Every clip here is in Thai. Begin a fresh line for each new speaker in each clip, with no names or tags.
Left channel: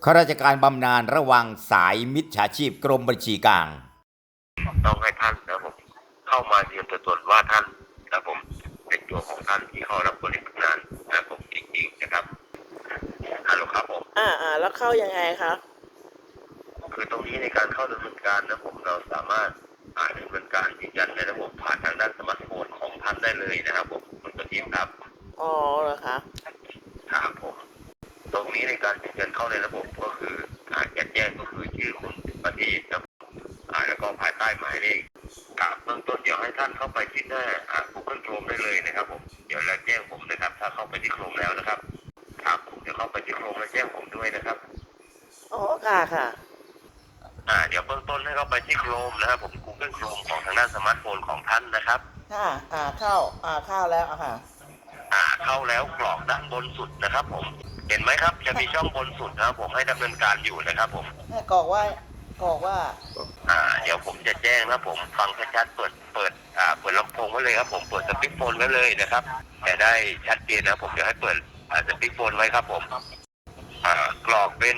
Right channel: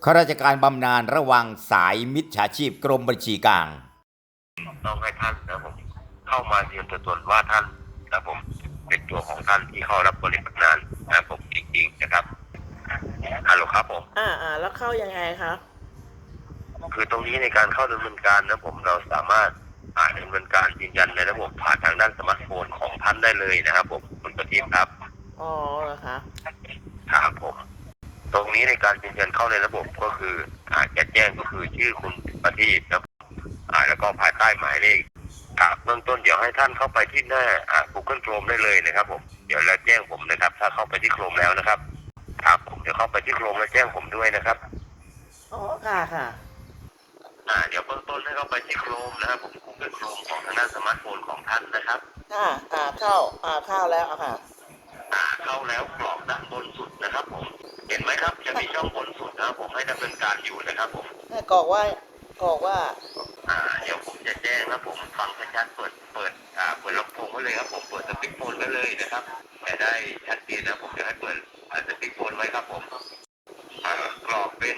ข้าราชการบำนาญระวังสายมิจฉาชีพกรมบัญชีกลาง
ต้องให้ท่านนะผมเข้ามายืนตัวตนว่าท่านนะผมเป็นตัวของท่านที่เข้ารับบริการงานนะผมจริงๆนะครับฮัลโหลครับผม
แล้วเข้ายังไงคะ
คือตรงนี้ในการเข้าดำเนินการนะผมเราสามารถดำเนินการยืนยันในระบบผ่านทางด้านสมาร์ทโฟนของท่านได้เลยนะครับผมคุณประทีปครับ
อ๋อเหรอคะ
ครับผมตรงนี้ในการยืนยันเข้าในระบบก็คือจะแจ้งก็คือชื่อคุณประทีปนะแล้วก็ภายใต้หมายเลขเบื้องต้นเดี๋ยวให้ท่านเข้าไปที่หน้าGoogle Chrome ได้เลยนะครับผมเดี๋ยวแล้วแจ้งผมนะครับถ้าเข้าไปที่ Chrome แล้วนะครับครับผมจะเข้าไปที่ Chrome แล้วแจ้งผมด้วยนะครับ
อ๋อค่ะ
เดี๋ยวเบื้องต้นให้เข้าไปที่ Chrome นะครับผม Google Chrome ของทางด้านสมาร์ทโฟนของท่านนะครับ
เข้าแล้วค่ะ
เข้าแล้วกรอบด้านบนสุดนะครับผมเห็นไหมครับจะมีช่องบนสุดนะครับผมให้ดำเนินการอยู่นะครับผม
กรอกว่า
เดี๋ยวผมจะแจ้งนะผมฟังชัดๆเปิดลำโพงไว้เลยครับผมเปิดสปีกโฟนไว้เลยนะครับแต่ได้ชัดเจนนะผมจะให้เปิดสปีกโฟนไว้ครับผมกรอบเป็น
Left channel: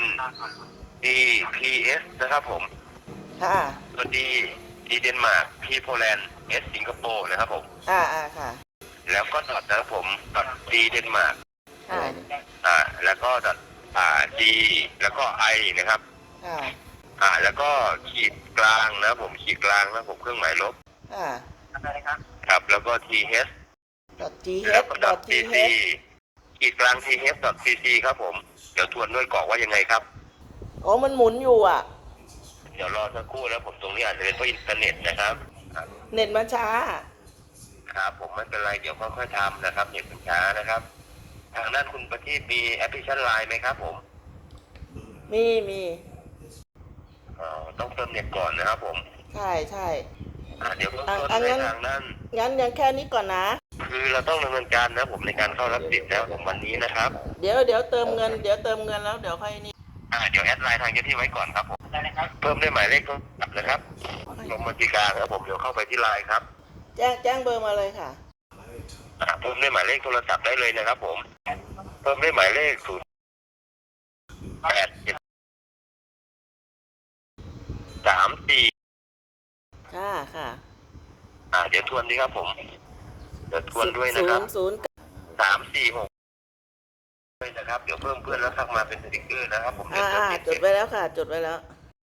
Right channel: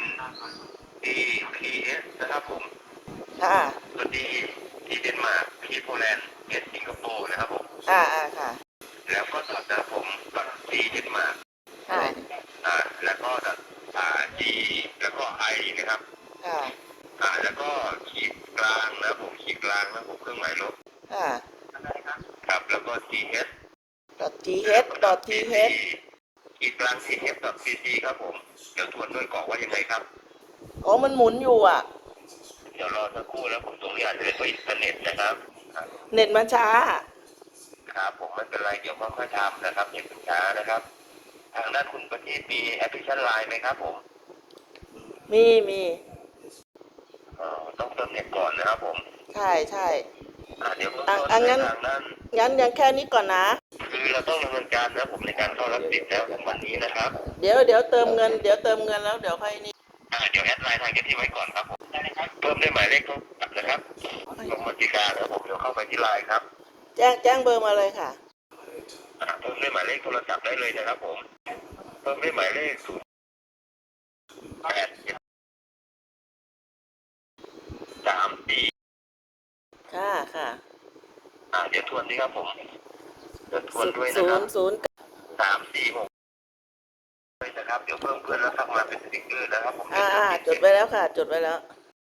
DPS นะครับผมตัว Dเดนมาร์ก P โปแลนด์ S สิงคโปร์นะครับผม
ค่ะ
แล้วก็ดอทนะครับผมดอท D เดนมาร์กแล้วก็ดอทD แล้วก็ I นะครับแล้วก็ขีดกลางนะผมขีดกลางนะผมเครื่องหมายลบครับแล้วก็ thขีดกลาง th.cc ครับผมเดี๋ยวทวนด้วยกรอกว่ายังไงครับ
มันหมุนอยู่
เดี๋ยวรอสักครู่แล้วผมตรงนี้อาจจะเป็นเพราะอินเทอร์เน็ตนะครับ
เน็ตมันช้า
ครับผมไม่เป็นไรเดี๋ยวค่อยๆทำนะครับเน็ตมันช้านะครับทางด้านคุณประทีปมีแอปพลิเคชันไลน์ไหมครับผม
มี
ต้องเติมเน็ตก่อนนะครับผม
ใช่
เดี๋ยวงั้น
ยังแค่นี้ก่อนนะ
คือเราต้องดำเนินการนะผมในการเข้ารับสิทธิ์แล้ววันนี้นะครับ
เดี๋ยวเติมเงินแล้วเดี๋ยวค่อยนี่
เดี๋ยวแอดไลน์ทางที่ไว้ก่อนครับผมเพิ่มได้หมายเลขโทรศัพท์นะครับกรมบัญชีกลางครับผมเดี๋ยวเข้าไปที่ไลน์ครับ
แจ้งเบอร์มาเลยค่ะ
เพิ่มได้หมายเลขโทรศัพท์ได้เลยนะครับผมเพิ่มได้หมายเลข087343
ค่ะ
เดี๋ยวทวนดีครับผมเดี๋ยวทวนด้วยนะครับ346ด้วยนะครับเดี๋ยวเพิ่มเพื่อนแล้วทักมาเป็นสติ๊กเกอร์นะครับผม
จดไว้แล้วค่ะจดไว้แล้ว